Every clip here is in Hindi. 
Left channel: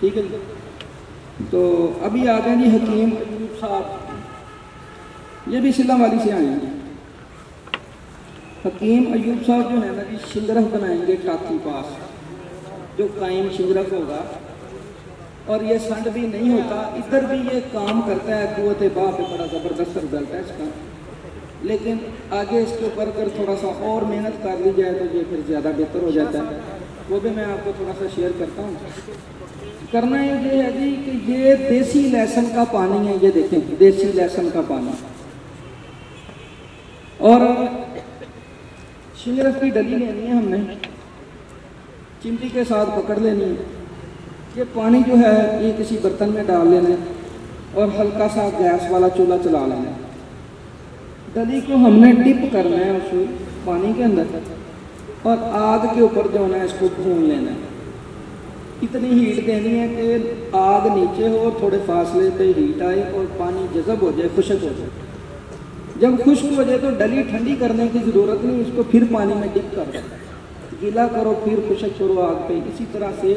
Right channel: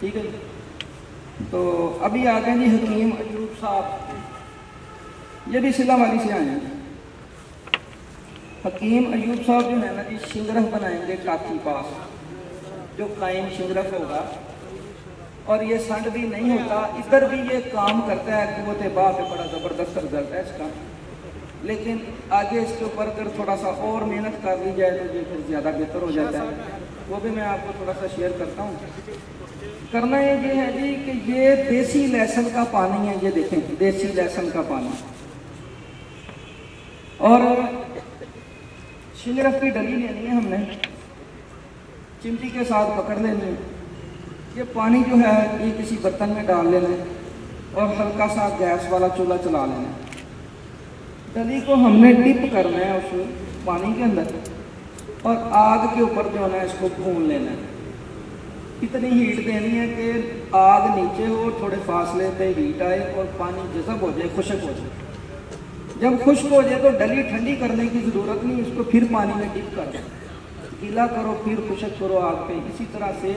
ठीक है जी। तो अभी आ गए जी हकीम अयूब साहब, ये भी सिलामाली से आए हैं। हकीम अयूब साहब जो है ना जी शिंगरफ बनाएंगे टाकी पास, जो कायम शिंगरफ होगा, और ये संड भी नहीं होता। इधर भी ये काम करता है, कुव्वत बाह पे बड़ा ज़बरदस्त रिजल्ट है इसका। लेकिन आगे इसके ऊपर अगर थोड़ा सा और मेहनत कर ली जाए तो ये फिर ज़्यादा बेहतर हो जाता है। वो भी मैं आपको थोड़ा सा शेयर करता हूँ। करना ये है जी कि ये देसी लहसुन का पानी है, ये देखें देसी लहसुन का पानी, और शिंगरफ की डली लेनी है हमने, चिमटी के साथ पकड़ लेनी है। ये पानी जो है ये किसी बर्तन में डाल लेना है और हल्का सा गैस वाला चूल्हा चला लेना है। डली को हमने डिप करना है उस पानी के अंदर और आग के ऊपर जो है इसको भून लेना है। इतनी हीट देनी है कि आग नीचे हो, थोड़े फासले पे हीट आए और पानी जज़ब हो जाए, खुश्क हो जाए। जब खुश्क हो जाए तो डली ठंडी करने की ज़रूरत नहीं, उसको फिर पानी में डिप कर दो, गीला करो, फिर खुश्क करो आग पे। इसी तरह से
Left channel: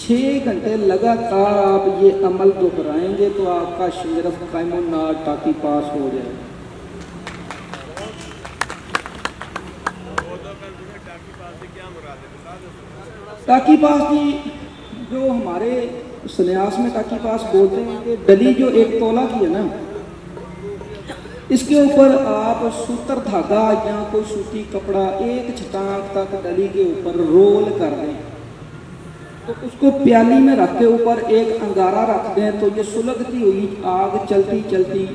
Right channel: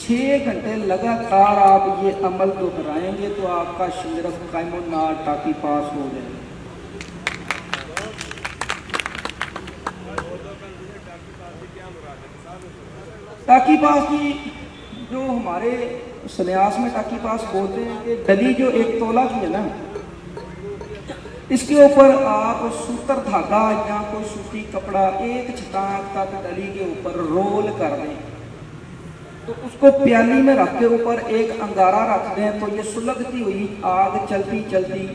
6 घंटे लगातार आप ये अमल दोहराएंगे तो आपका शिंगरफ कायम नार टाकी पास हो जाए। टाकी पास की जो हमारे सन्यास में टाकी पास बोलते हैं कि डली जो 1 तोला की है ना, इसके ऊपर आप सूतर धागा या कोई सूती कपड़ा 1 छटाक तक डली के ऊपर रोल कर दें, तो उसको प्याली में रख के ऊपर एक अंगारा रख दें, तो ये सुलगती हुई आग चलती चलती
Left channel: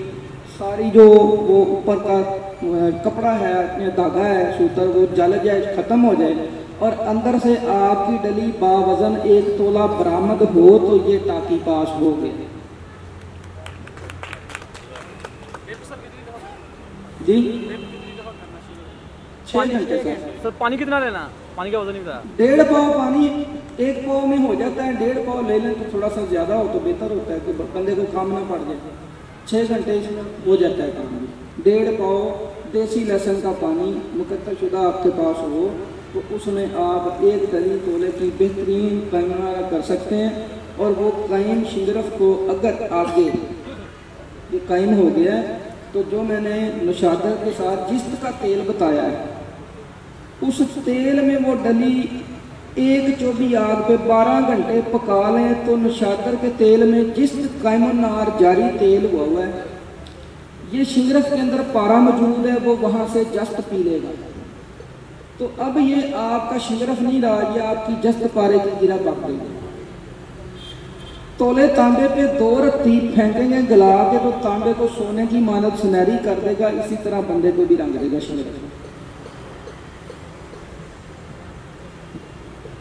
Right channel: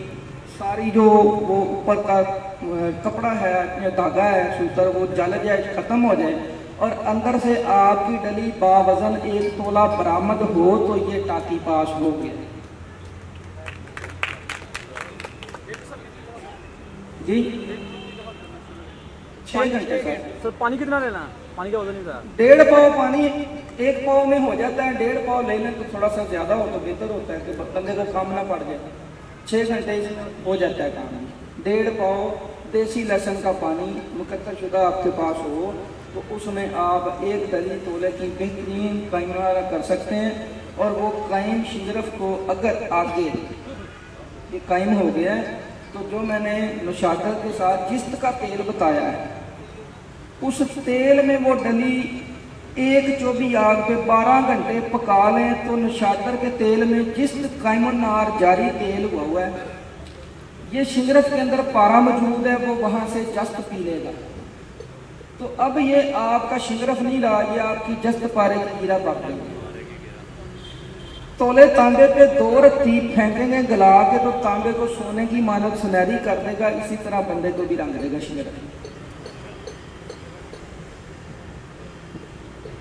सारी जो वो ऊपर का कपड़ा है या धागा है सूतर, वो जल जाए, खत्म हो जाए और अंदर से आपकी डली बावजन 1 तोला बरामद हो, तो ये टाकी पास हो गई जी। 6 घंटे सर पानी कितना लेना? पानी का वजन नहीं पता। 1.5 पाव पानी 1 पाव में हो जाता है। 1.5 पाव ले लें तो थोड़ा सा ज्यादा हो तो बेहतर होता है कि बंदे को काम ना पड़ जाए। 6 घंटे इसमें हो जाता है काम। 1.5 पाव देसी लहसुन का पानी मुकद्दर शुदा आपके पास हो तो उसमें आप 1 डली तोले की बेहतरीन कायमा कर सकते हैं। और वो कायम शिंगरफ को अगर आगे ये कायम हो गया है तो जो मैंने नुशादा के साथ जिस्त का तेल बताया है, उस तेल में वो डली 1 चौबी आग पे 12 घंटे पका लें तो नुशादर के तेल में जिस्त कायम नार जारी तेल हुआ है, ये शिंगरफ के अंदर पारा मौजूद है, वो वहां से जस्त पी लेगा। तो अब ये आपका शिंगरफ नहीं रहा, ये आपकी जस्त पारे की गिरा बाप देगी। तोले तांबे पे 2 रत्ती फेंकेंगे गला के तो तांबे को सोने की मानत सुनहरी कर देगा। इसी तरह बंदे को भी रंग देगा शिंगरफ।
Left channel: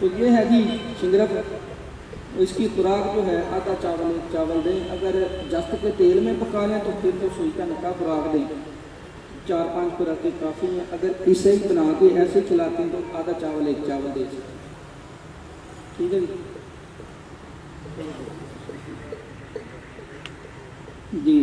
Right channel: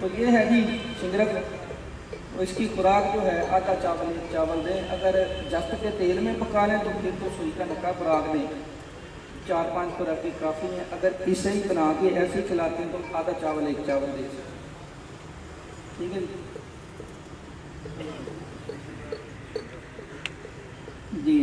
तो ये है जी शिंगरफ। इसकी खुराक जो है आधा चावल 1 चावल दें। अगर जस्त के तेल में पका लें तो फिर तो सुई का नका खुराक दें। 4-5 खुराकें काफ़ी हैं। अगर इसे ही बना के ऐसे खिलाते हैं तो आधा चावल 1 चावल दे सकते। ठीक है जी।